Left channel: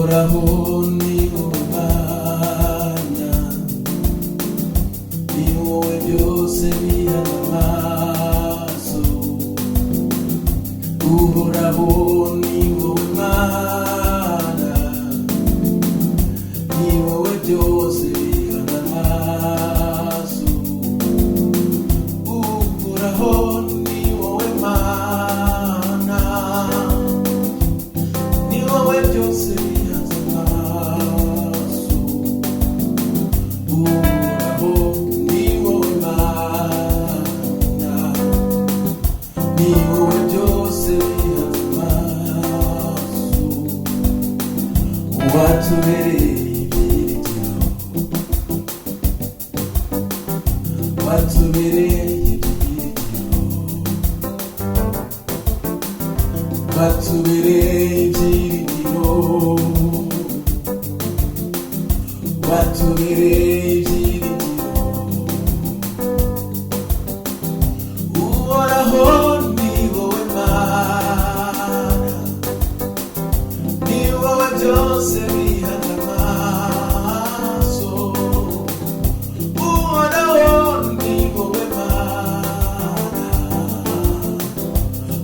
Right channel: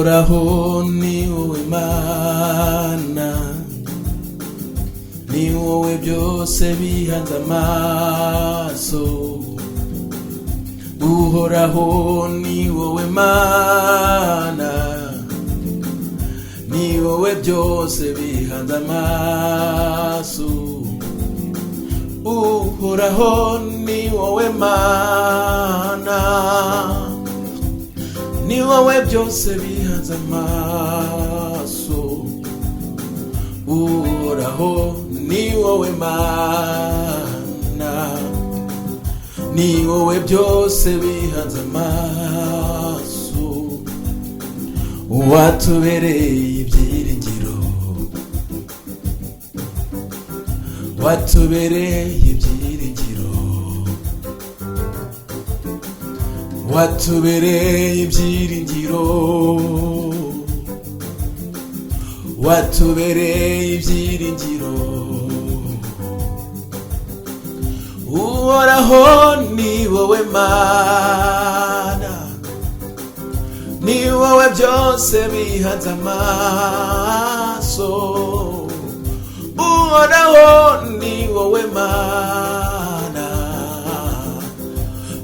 uhoraho ni wowe Mana, ni wowe byose bihanze amaso. Uhoraho ni wowe Mana, ni wowe byose bihanze amaso. Uhoraho ni wowe Mana, ni wowe byose bihanze amaso. Uhoraho ni wowe Mana, ni wowe byose bihanze amaso. Watubereye ibyiringiro, watubereye ibyiringiro, watubereye ibyiringiro, watubereye ibyiringiro. Uhoraho ni wowe Mana, ni wowe byose bihanze amaso. Uhoraho ni wowe Mana,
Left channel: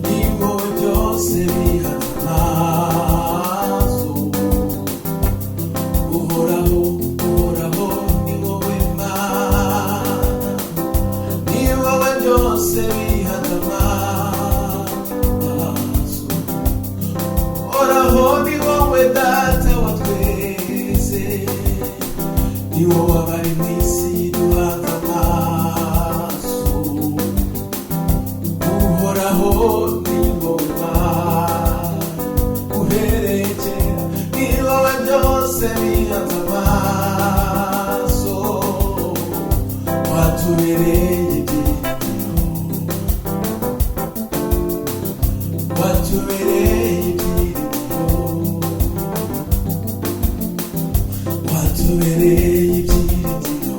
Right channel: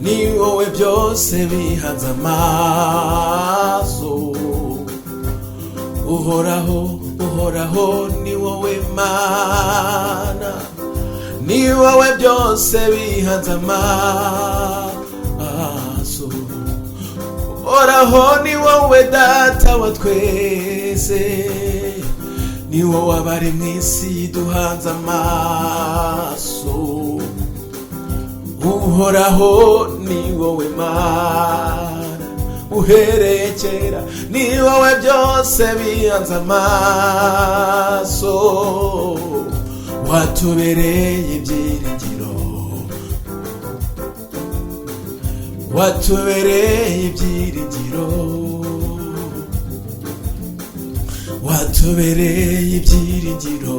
ni wowe byose bihanze amaso. Uhoraho, uhoraho ni wowe Mana, ni wowe byose bihanze amaso. Uhoraho ni wowe Data wa twese, ni wowe abari mw'isi duhanze amaso. Uhoraho ni wowe Mana, uhereye kera ni wowe byose bihanze amaso. Watubereye ibyiringiro, watubereye ibyiringiro, watubereye ibyiringiro,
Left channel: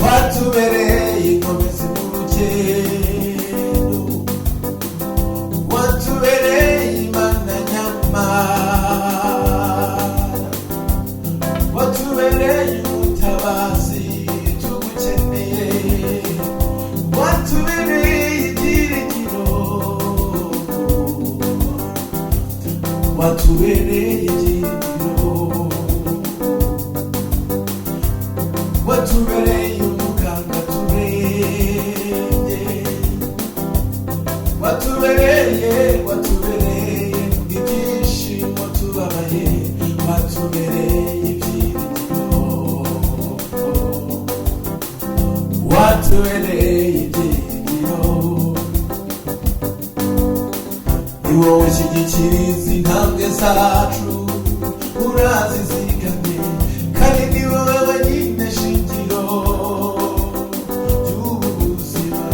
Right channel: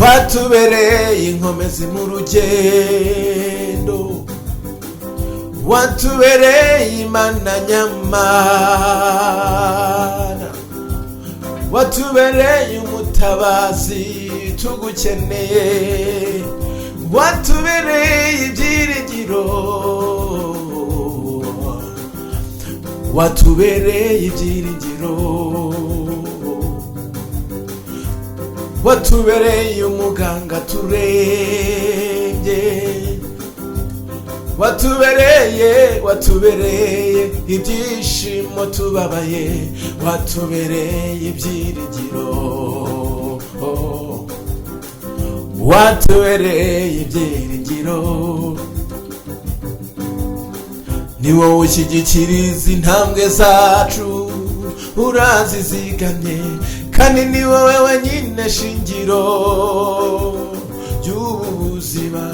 watubereye inkomezi mu rugendo, watubereye Imana nyamana, watubereye umutabazi tugukeneye, watubereye ibyiringiro, watubereye ibyiringiro, watubereye umuganga turenge, watubereye ibyishimo tubabaye, watubereye ibyiringiro, watubereye ibyiringiro. Ni wowe ushyigikiriza intambwe zacu, urazizigamye, kandi ni wowe wenyine shingiro ry'ubu buzima.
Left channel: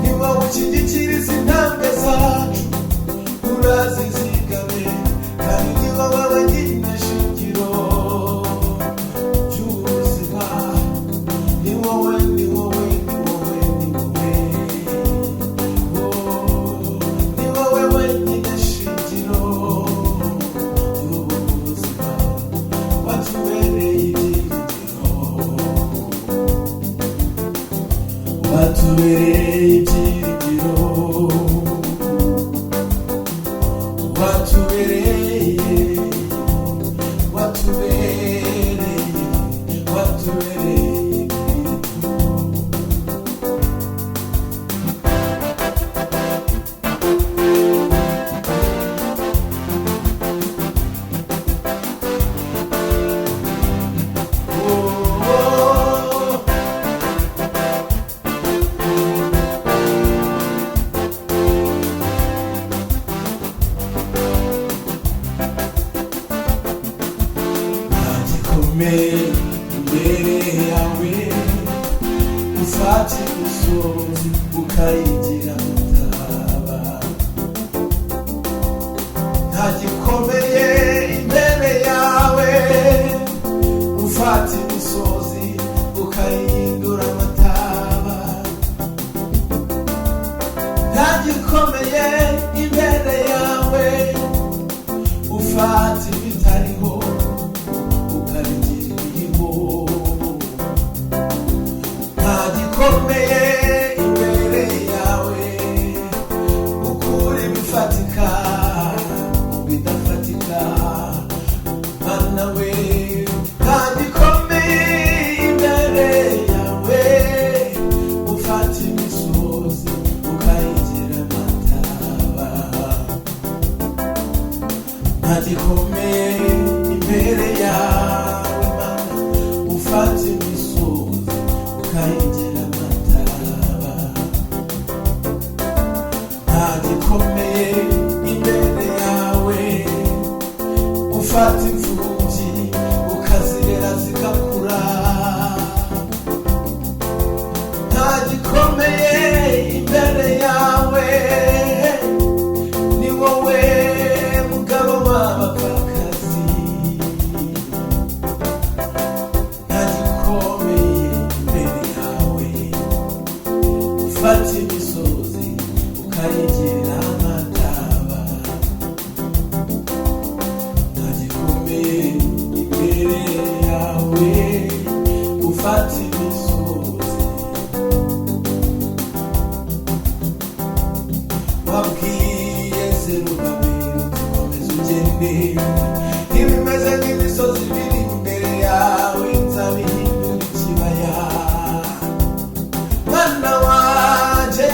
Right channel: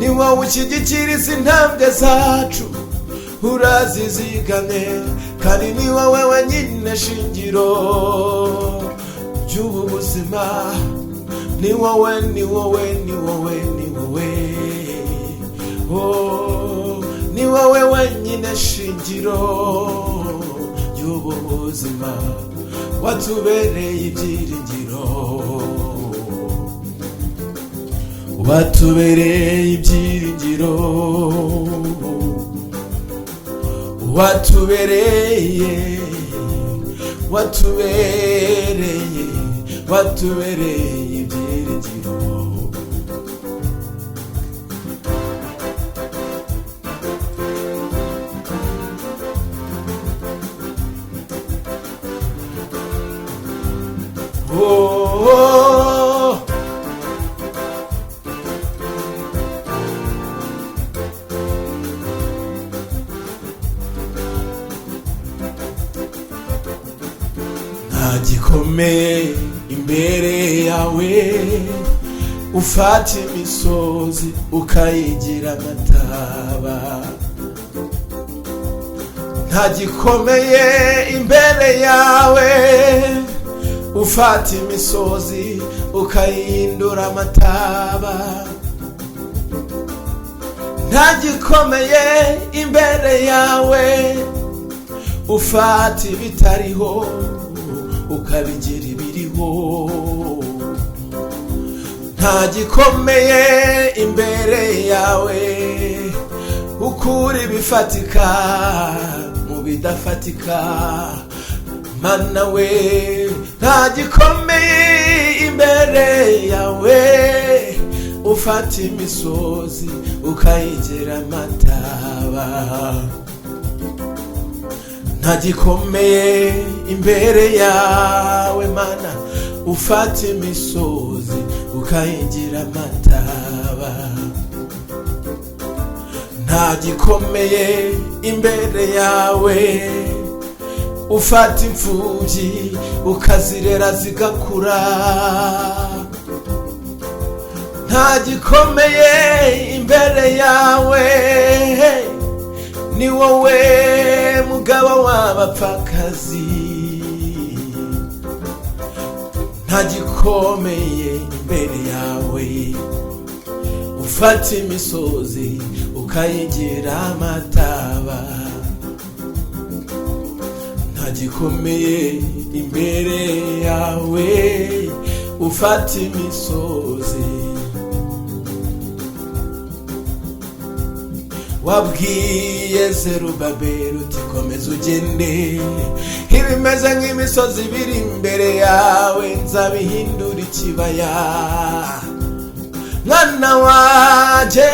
Ni wowe ushyigikiriza intambwe zacu, urazizigamye, kandi ni wowe wenyine shingiro ry'ubu buzima. Ni wowe, ni wowe, ni wowe, ni wowe, oh, ni wowe wenyine shingiro ry'ubu buzima. Watubereye ibyiringiro, watubereye ibyiringiro, watubereye, watubereye, watubereye ibyiringiro. Gikomeye imbere yawe, ufata imisozi ukayigira amataba. Nta gikomeye imbere yawe, ufata imisozi ukayihindura amataba. Nta gikomeye imbere yawe, ufata ibitariho ukabigira ibiriho. Nta gikomeye imbere yawe, ukura ibifatika mu bidafatika. Mana we, nta gikomeye imbere yawe, ufata imisozi ukayigira amataba. Nta gikomeye imbere yawe Mana, ufata imisozi ukayigira amataba. Nta gikomeye imbere yawe, ufata imfubyi ukazirera zigakura. Nta gikomeye imbere yawe, ni wowe mugabo w'abapfakazi. Nta gikomeye imbere yawe, ufata imisozi ukayigira amataba. Nta gikomeye imbere yawe, ufata imisozi. Wabwiye Zerubabeli uti komeza ugende, ibimeze nk'imisozi biri imbere yawe nzabihindura ikibaya. Mwana wanje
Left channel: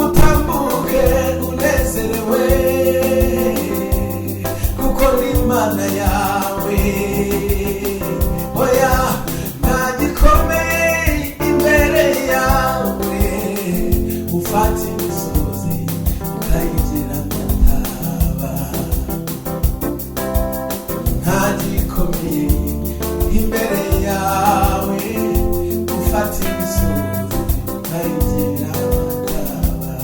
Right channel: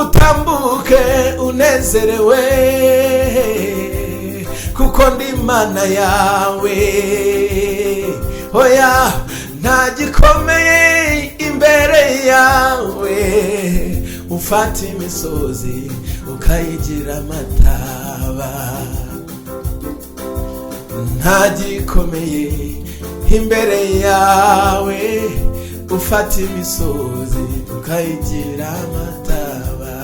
utambuke unezerewe, kuko ndi Imana yawe. Oya, nta gikomeye imbere yawe, ufata imisozi ukayigira amataba. Nta gikomeye imbere yawe, ufata imisozi ukayigira amataba.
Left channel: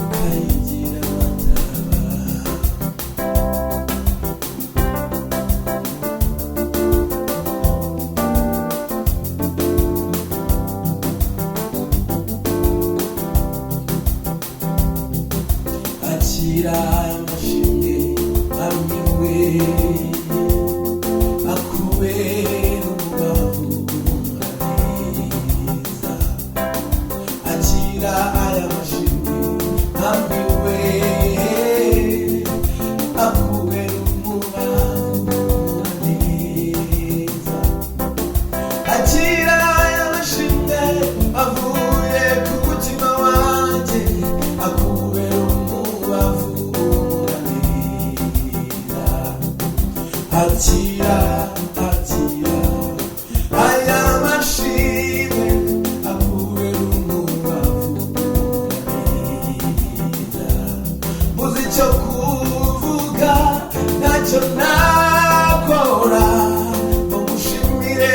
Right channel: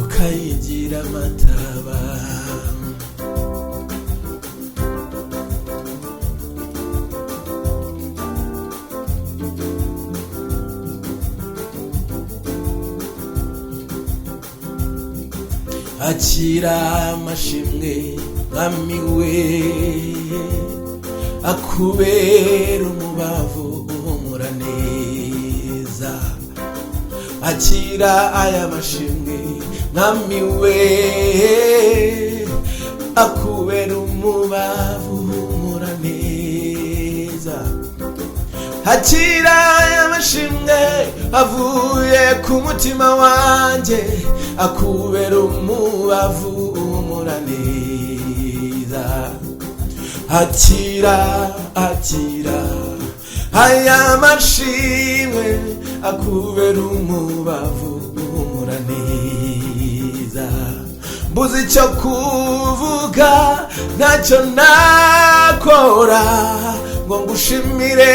Ukayigira amataba. Akira amashimwe Mwami we, akubera umubavu uhumura neza. Akira aya mashimwe Mwami we, akubera umubavu uhumura neza. Akira aya mashimwe avuye ku mutima wanjye, akubera umubavu uhumura neza. Akira, akira aya mashimwe, akubera umubavu uhumura neza. Mbuze icyo kuvuga, ntacyo nakora ngo ngushimire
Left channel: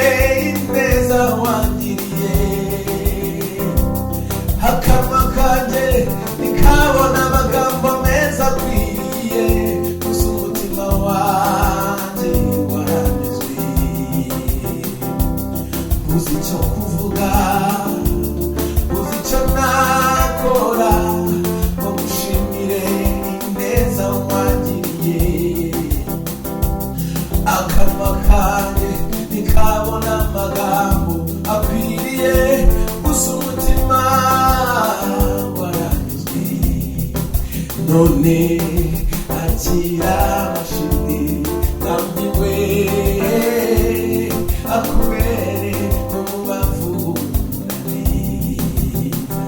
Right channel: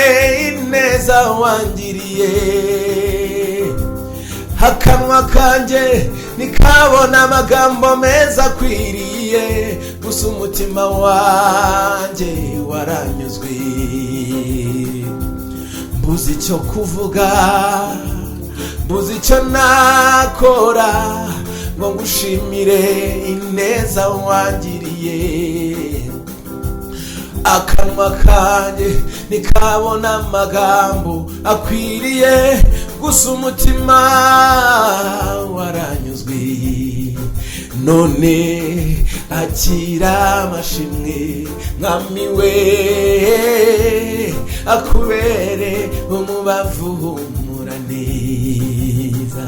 ineza wangiriye. Akanwa kanjye nikabona amagambo meza akwiriye, gusa umutima wanjye waranyuzwe. Mbuze icyo kuvuga, mbuze icyo nakora ngo ngushimire ineza wangiriye. Akanwa kanjye nikabona amagambo akwiriye, gusa umutima waranyuzwe. None akira amashimwe Mwami we, akubere umubavu uhumura neza.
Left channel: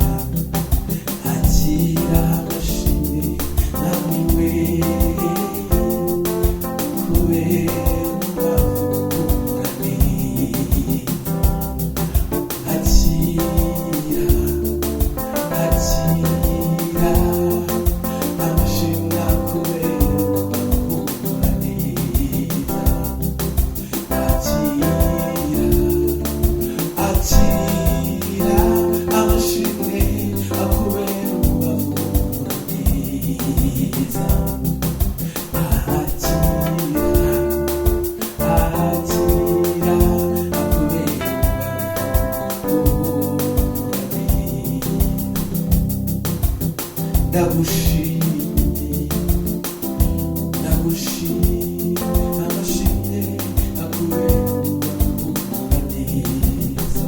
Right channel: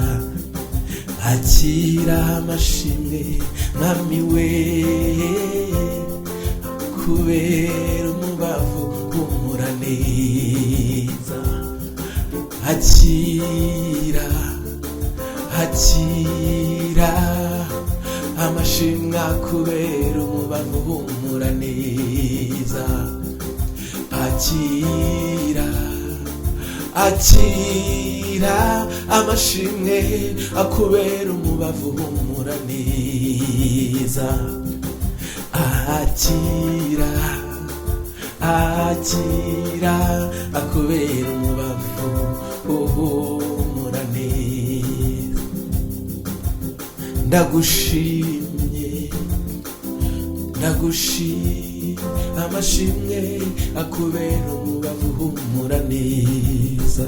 Akira amashimwe Mwami we, akubere umubavu uhumura neza. Akira, akira amashimwe akubera umubavu uhumura neza. Akira, akira amashimwe akubera umubavu uhumura neza. Akira, akira akubera umubavu ndagushimye amashimwe akubera umubavu humura neza.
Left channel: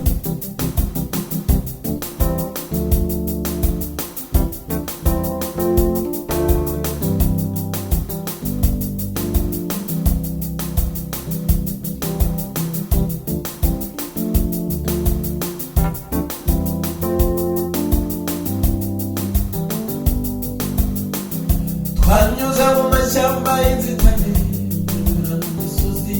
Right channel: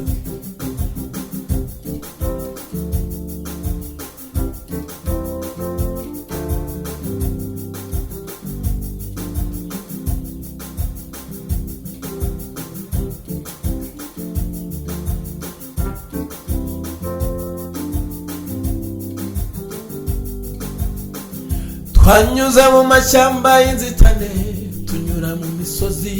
Twanyuze mu mashyamba y'inzitane tunyura mu misozi,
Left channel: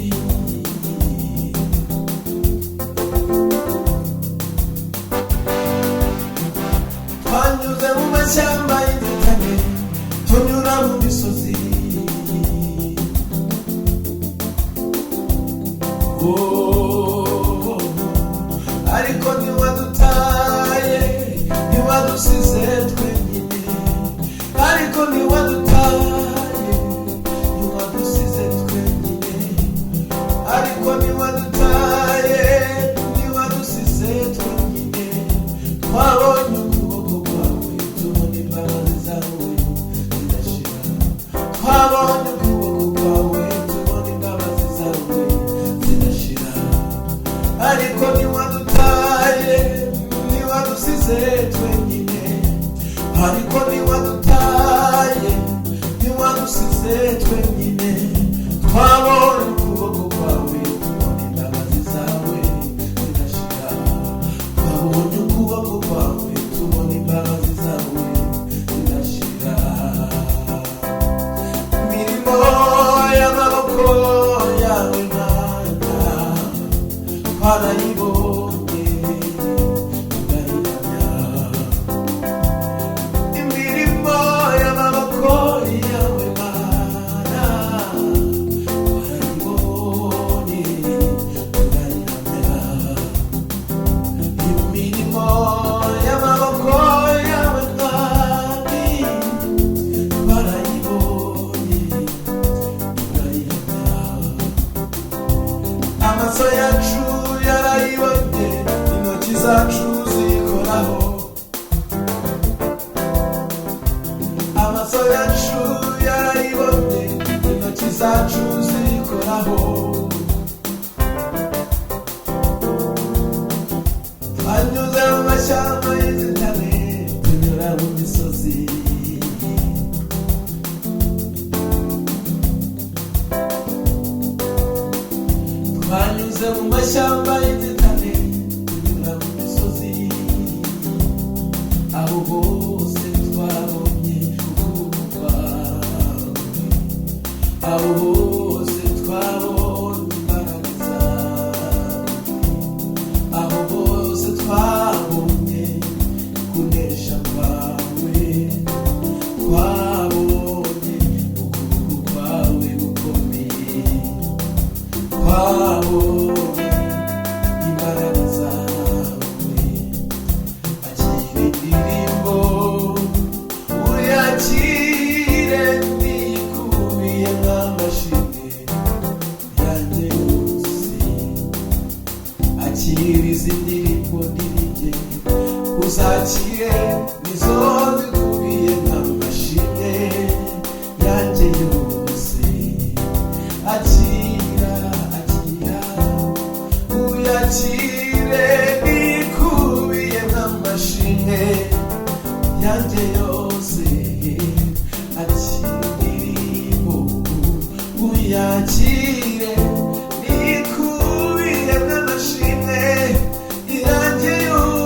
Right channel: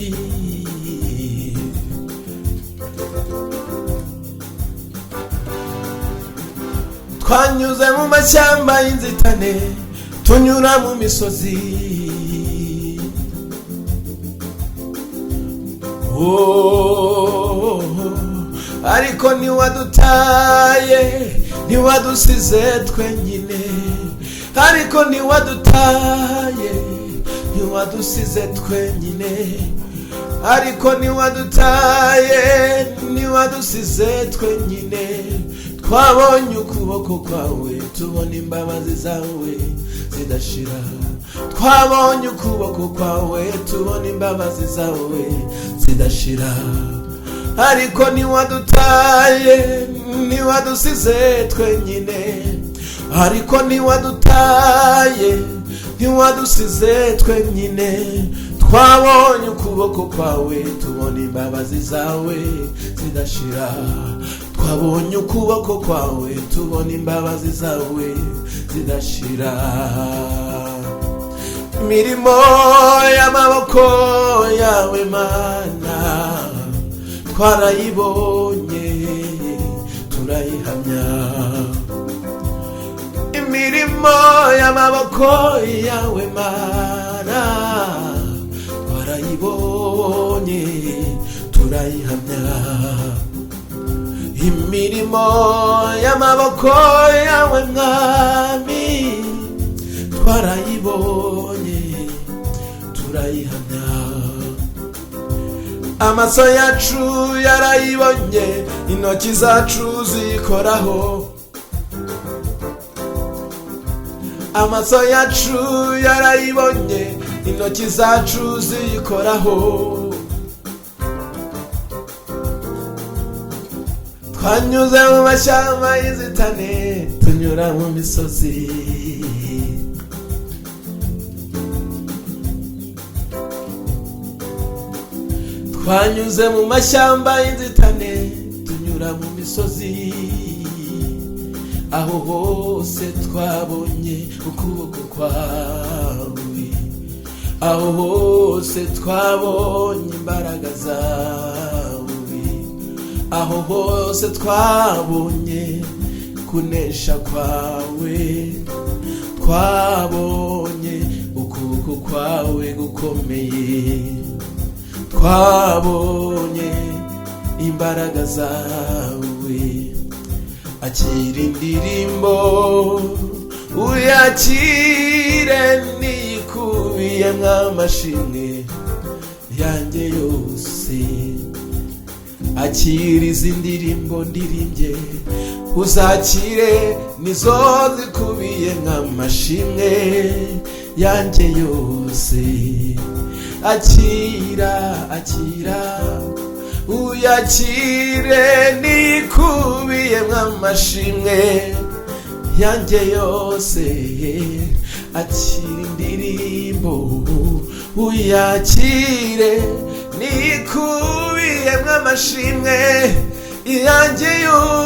twanyuze mu mashyamba y'inzitane tunyura mu misozi. Oh, ariko ntiwadutaye ntiwadusize twenyine, ariko ntiwadutaye ntiwadusize twenyine, ariko ntiwadutaye ntiwadusize twenyine. Twabonye ukuboko kwawe tubona imbabazi zawe zidashira, twabonye ukuboko kwawe tubona imbabazi zawe zidashira, ariko ntiwadutaye ntiwadusize twenyine, ariko ntiwadutaye ntiwadusize twenyine. Twabonye ukuboko kwawe tubona imbabazi zawe zidashira, twabonye ukuboko kwawe tubona imbabazi zawe zidashira. Imirimo y'amaboko yawe Mana twarayibonye turayihamya, imirimo y'amaboko yawe Mana twarayibonye turayihamya, imirimo y'amaboko yawe Mwami twarayibonye turayihamya. Amaso yacu yarayibonye, intoki zacu zikoraho, amaso yacu yarayibonye, intoki zacu zikoraho. Twanyuze mu mashyamba y'inzitane tunyura mu misozi, twanyuze mu mashyamba y'inzitane tunyura mu misozi, aho hose twabonye ukuboko kwawe, aho hose twabonye imbaraga zawe, aho hose twabonye kunesha kwawe, twabonye ukuboko kwawe gukomeye, twabonye imbaraga zawe. Akira indirimbo uyakire nikubiye nk'amashimwe yanjye yose, akira izi ndirimbo ndirimbye uzakire nizo zikubiye nk'amashimwe yanjye yose. Akira akira uyakire nikubiye nk'amashimwe yanjye yose, akira indirimbo uyakire nikubiye nk'amashimwe yanjye yose.